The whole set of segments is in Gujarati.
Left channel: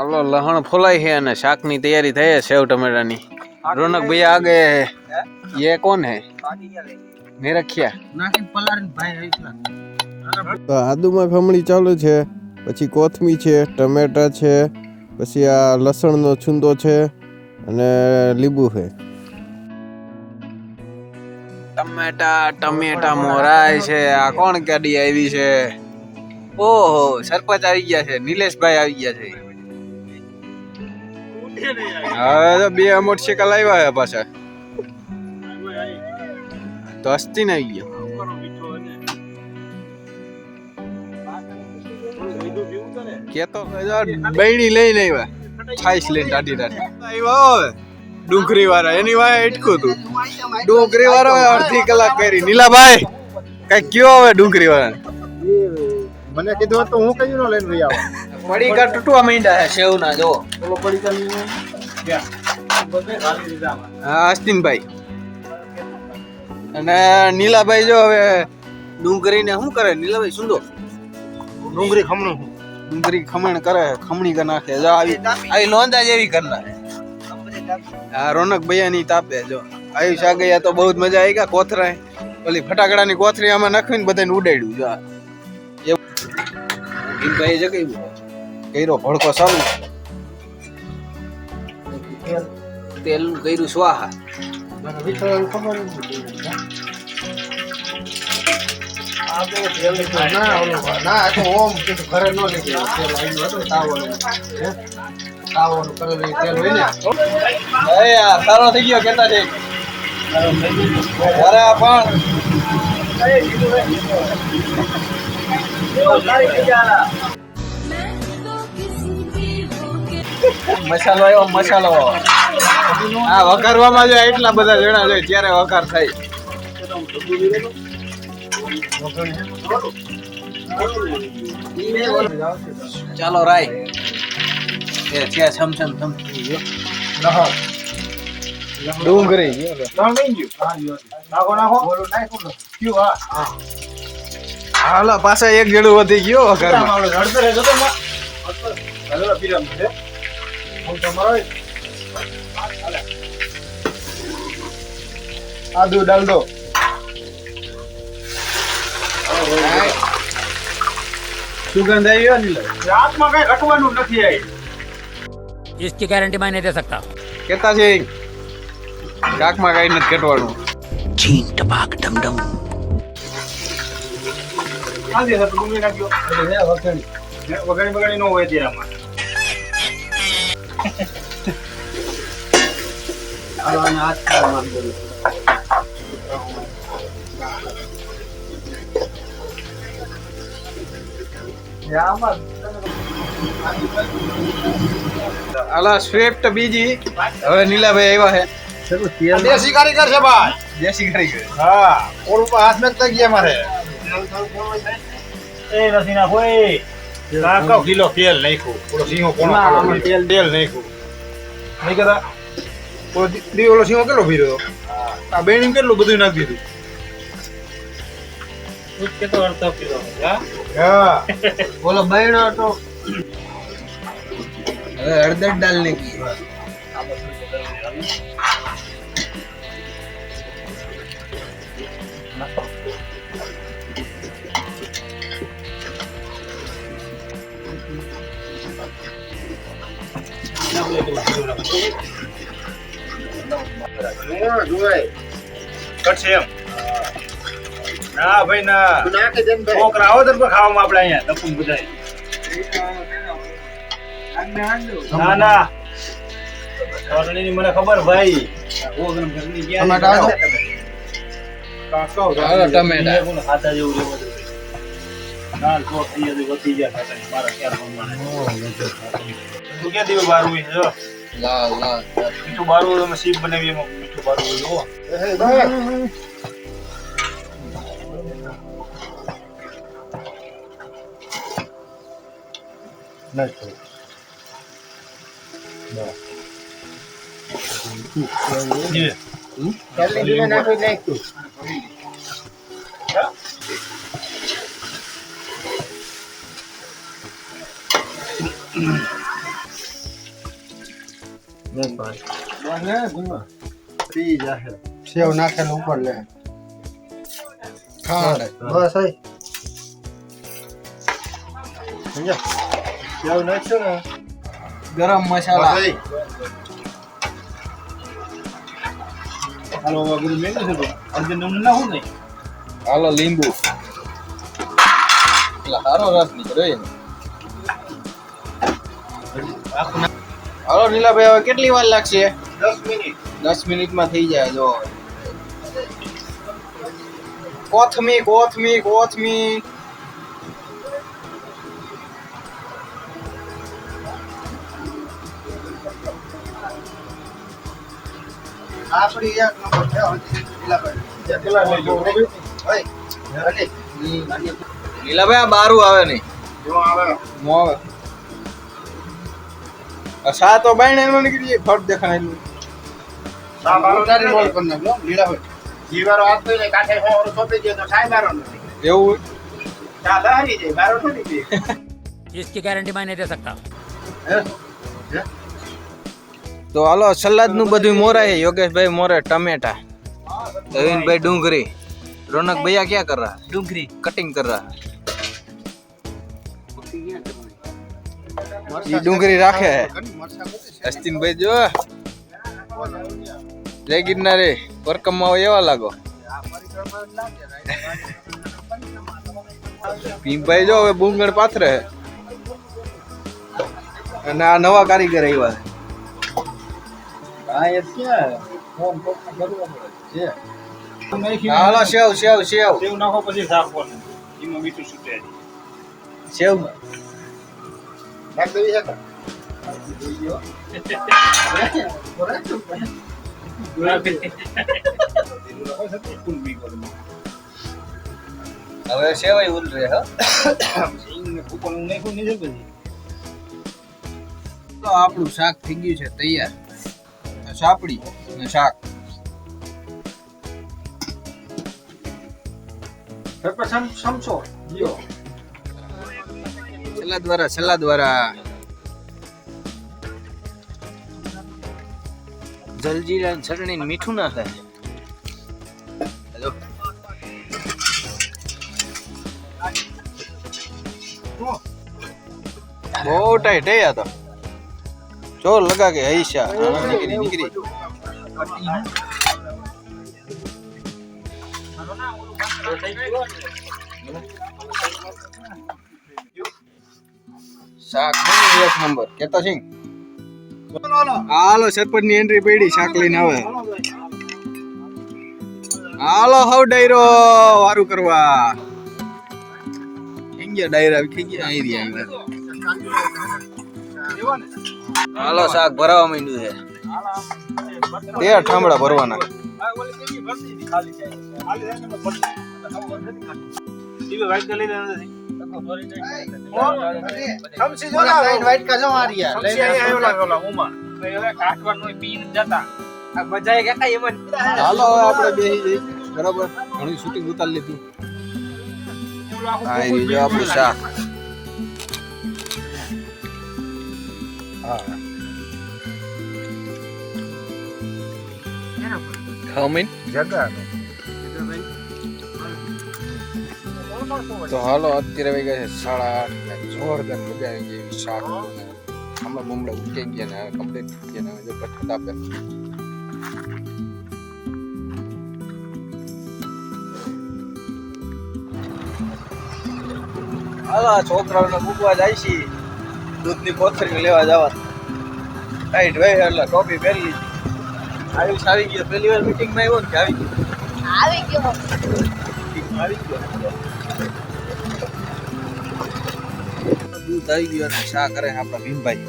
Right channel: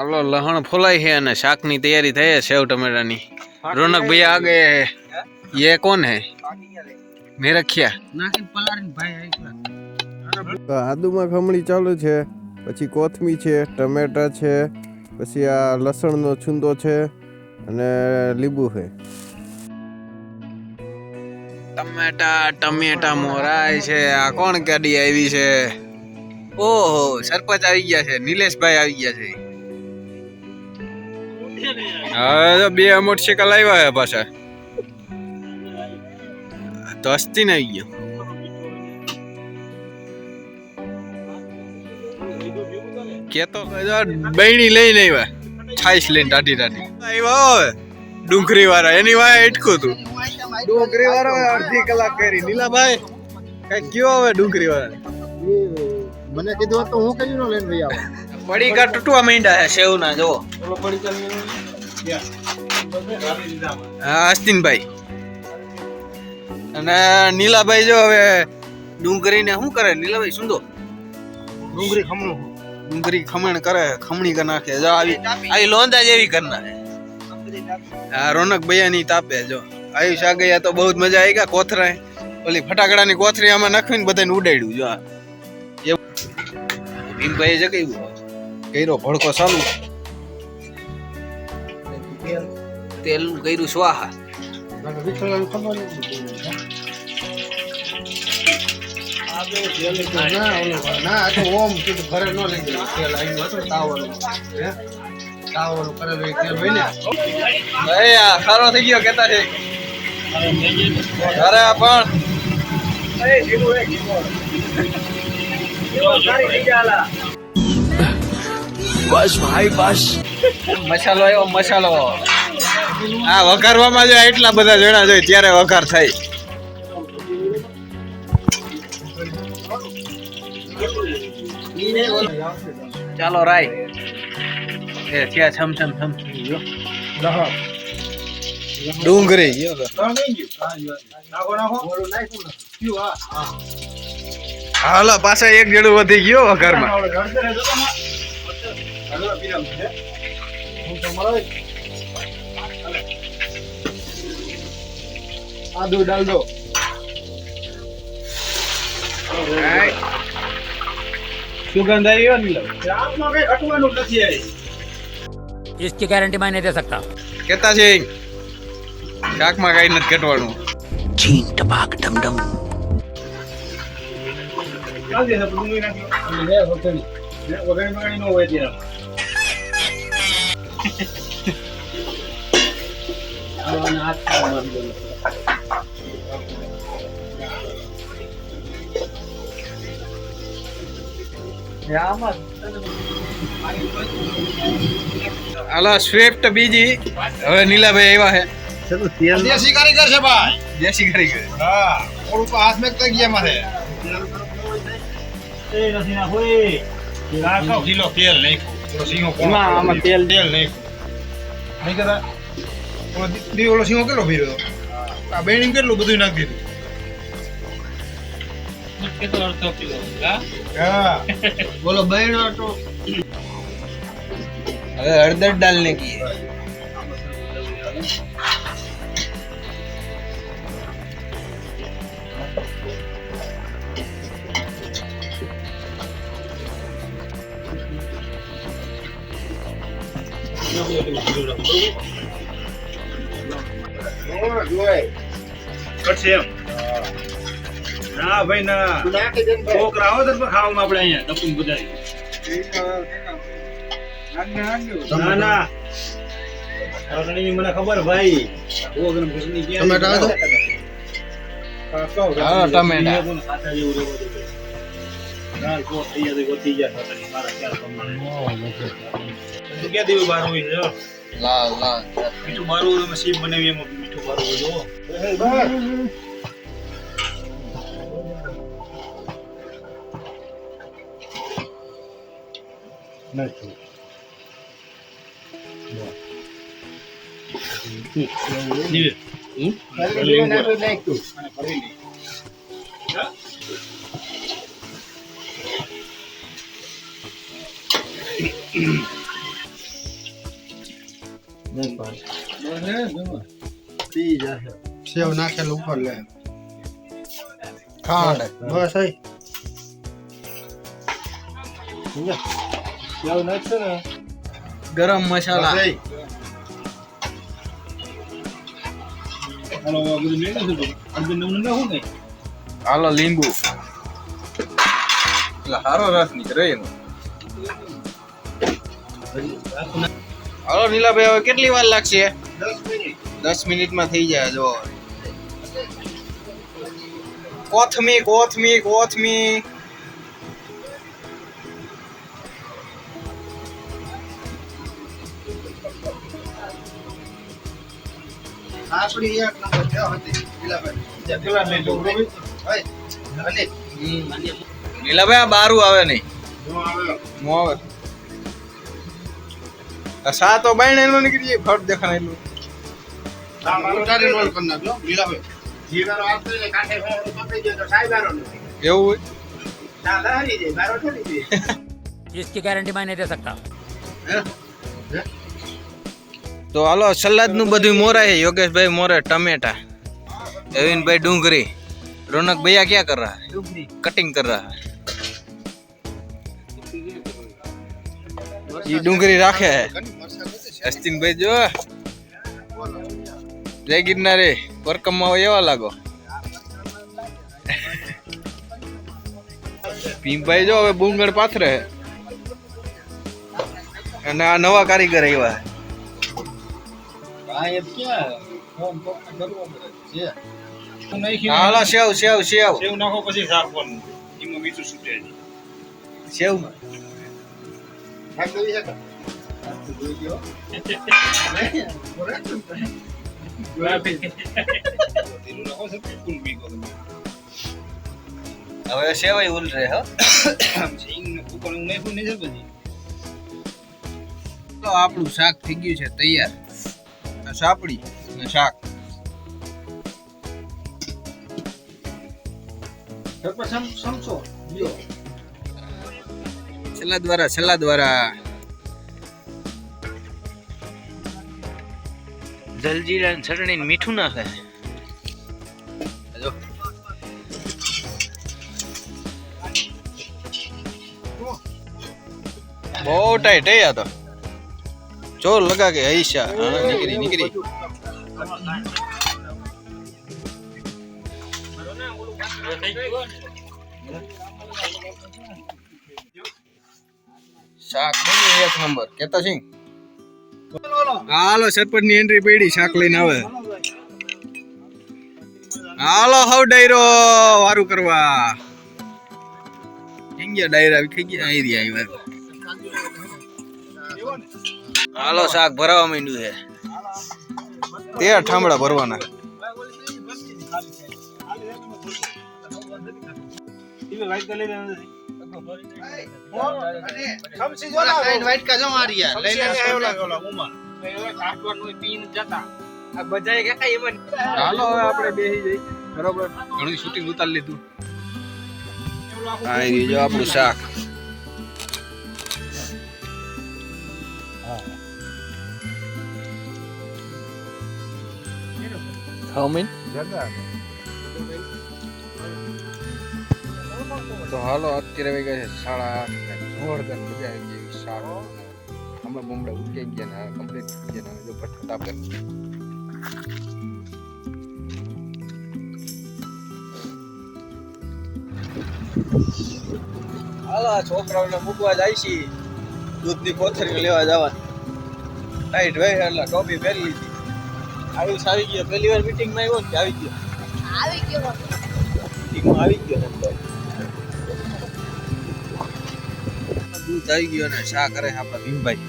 હાલો લહણ ફોલાઈ है અને શાકની તૈયારી થઈ है सेव टमाटर ની रौनक भैया आगे ये कौन है मेरा खिया नाखिन पलारीन भाई તો આદુમાં ખમણી ચાલુ છે, પછી કોથમી છે, ટમેટા છે, પછી આ લસણનો છૂંદો છે અને લીંબુ છે. ટમેટા મોરાય છે. આ કોણ ગાડી આવી છે? ઓહો સરપંચ આવી ગયા છે, નિલેશભાઈ આવી ગયા છે. હા તો બે મોટરસાઇકલ આવ્યા છે પાછા તો હસ્તી ને આવી ગયો. કેતો બૈણી લઈને આવ્યા છાઈસ લઈને ટાટી આવ્યા ડુંગરી વાળા એની વાય અટકું તું ડુંગરી વાળો અડધી કલાક કરી. નીલાભાઈ કઈ કયો હવે ડુંગરી વાળા મને કીધું તો હું કઈ નો લઈને લઈ આવું. પડીકા તૂટવા માંડ્યા છે સેવ ના જો. હા આસ્તીનભાઈ અને નીલાભાઈ જો હવે ડુંગરી ને શું કરે નીલાભાઈ સુંદો ડુંગળી ખમણું ડુંગળી ખમણ કરે ખમણી કરી નાખે જો આવી લોંદા જેવી કરી નાખે. હા રોનક ભૈયા ની તાપે જો આયુષ આ ગયા તો બહુ મજા આવી ગયા. કોથરા ઓલી ફટાકડાની કોથરી આમાં નાખીને બધાને ઉડાડ્યું જો ભાઈ જગ્યા કર્યો ભડકો ચાલુ તેલ નું કર્યું સ્વાહા. સારો થઈ ગયો કેતા છે બસ ભાઈ બસ મસાલો આવ્યો મસાલો. હા વઘારવામાં જાય એટલા બધા જણા છે ત્યારે વઘાર થાય. ચાલો રાય ત્યાં છમ ડુંગળી હાલો પાછા એક જેડું વધી ગયો વઘારમાં. આદુ ડાલ દો. સુગંધ આવી ગયો ને રાતમાં કઈ ઘટવાનું નથી આવી. इसकी गारंटी मैं नहीं दे सकता. કેતા છે શાકમાં કઈ નથી ઘટવાનું. छीन टपाक डम डम. નાખી દે ડુંગળી નાખ્યો વગણી નો હોય ત્યાં આલા સ્વિફ્ટ બીજી હવે નીલાભાઈ આવ્યા છે. દેશી કારીગર છે ભાઈ. દેશી કારીગર. હા ઓર ઉપર હાથ મેં તક ગયા મારે એ નથી ના કોઈ નાખો કિલો તેલ નાખ્યું ઓલો સિંહો કોણ તેલ નાખ્યું નહીં કરા ઓલો દી ઓલો સિંહો કેટલો ભીરો આ બેણી કેટલું બધું નાખી દીધું કેટલો અડધો કિલો હા બોલો બહેનો તો હવે હળદર ડાલને કી કટશે એમ ના ભાઈ ના છોકરા આવો તો ખાવામાં આપણે અહીંયા તપુન બધાય ના ના કરણીની મને ખબર ભાઈ ટમેટા આવો ટમેટા ખાતા જેવું ના તો થઈ જાય ગતી જાય મારા ખ્યાલ પ્રમાણે તું ક્યાં દીવે બારું છે જો લાલ મીઠું બારું તમે સીપ બનાવી એમાં મીઠું બારું જો સેવ નાખેલું ઉપર લે ખાંડ બસ હઈ સેવ નાખ્યો ને ગરમ મસાલા હાલો લીંબુ એટલે હારો રસ નીકળે એમ. હાલો નીલાભાઈ હવે કેટલી વાર લાગશે? 10 મિનિટ 10 મિનિટમાં થઈ જાય. જો કોથમી આપણી એક નંબર ક્યાં હતી નીલાભાઈ નીલાભાઈ આ બારું આવે નહીં જો આવે મો આવે આ સા તો બાયણે નો નીકળી જાય ફટ દેખાય. ના મારો તારી રોલ કર નાખો નીલાભાઈ જીવારો આપતો ને કાઠે હોરો સોપી ગયો તો ખાઈ બારો નથી એવું હોય ચાલે હારી જાય બારો નથી દે इसकी गारंटी मैं नहीं दे सकता। તો હાલો સલાદ નું બધું મોરાય. યોગેશભાઈ મોરે ટમેટા, નવીનભાઈ डूंगरी, रौनक भैया क्या कर रहा है? डूंगरी कटिंग कर रहा है. ये डूंगरी राखे है અસ્તિન ભાઈ. જો જય ગિરનારી પરકમમાં એવા લાગો. ભીમભાઈ જો હવે બુંગણ પાથરે છે અને આ નવા કારીગર આવ્યા. હાલો સેવ નાખો પછી સાફવાનું એમાં મીઠું છૂટે સેવ હવે સેવાય ઉલ રે. તો આપણું શાક થઈ ગયું છે તૈયાર. સાપડી અને શાક. સલાદ વાળા જલજીરા ચટણી મીઠું નાખે. બહુ ટાઈટ હે આ તો. જોર લગા કે હૈશા નીકળી શાક એક નંબર. કેતા સિંહ હાલો સરપંચ ની એન્ટ્રી પડી. શાક લઈને આવે. હાલો હાવ ડાયરો વારું કરવા ડાયરા ખાઈ ગયા. હાલો શાક ભરાવા માંડ્યું છે. 13 ઠામડા ભરવાના. હાલો હવે આપણે બેસી જઈ. બરાબર ઘણું શૂટિંગ ઉતારી લીધું. આ જો આપણું શાક. તો હાલો અત્યારે વાગ્યા છે 8:30. જોરદાર મજા આવી ગઈ. શાક હમણાં બમડા ઉકેઈ ગયા ને કમ્પ્લીટ થઈ ગયા. જો ફટાફટ આપણે હાલો છોકરાઓને મૂકવા જાય છે. દૂધની કોથળી લેવા જવા ટાઈટ હોય એટલે ટોપી પહેરી લીધી. આવી ગયો. પહેલી વાર મીટિંગમાં આવ્યો ને આવી ગયો. દૂધ આવી ગયો અને શા કરે આપણા ભીમભાઈ.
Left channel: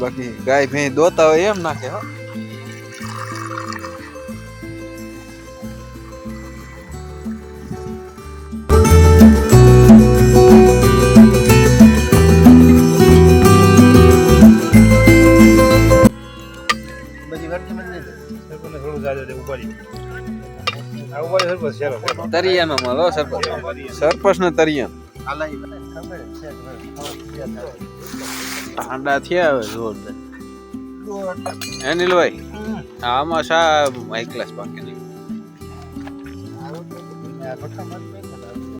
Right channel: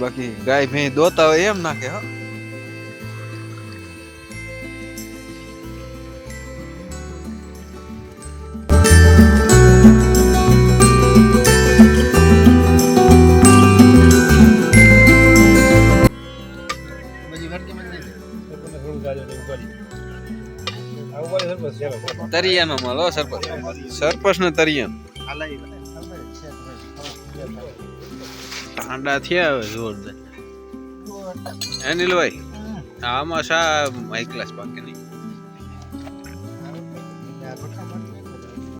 બાકી ગાય ભેં દોતા હોય એમ નાખે. હો તરિયાનો માલ. સરપંચ ને તરિયાનો ઠંડા થયા હવે જોરદાર અનિલભાઈ આમાં શા હાઈ ક્લાસ પાકે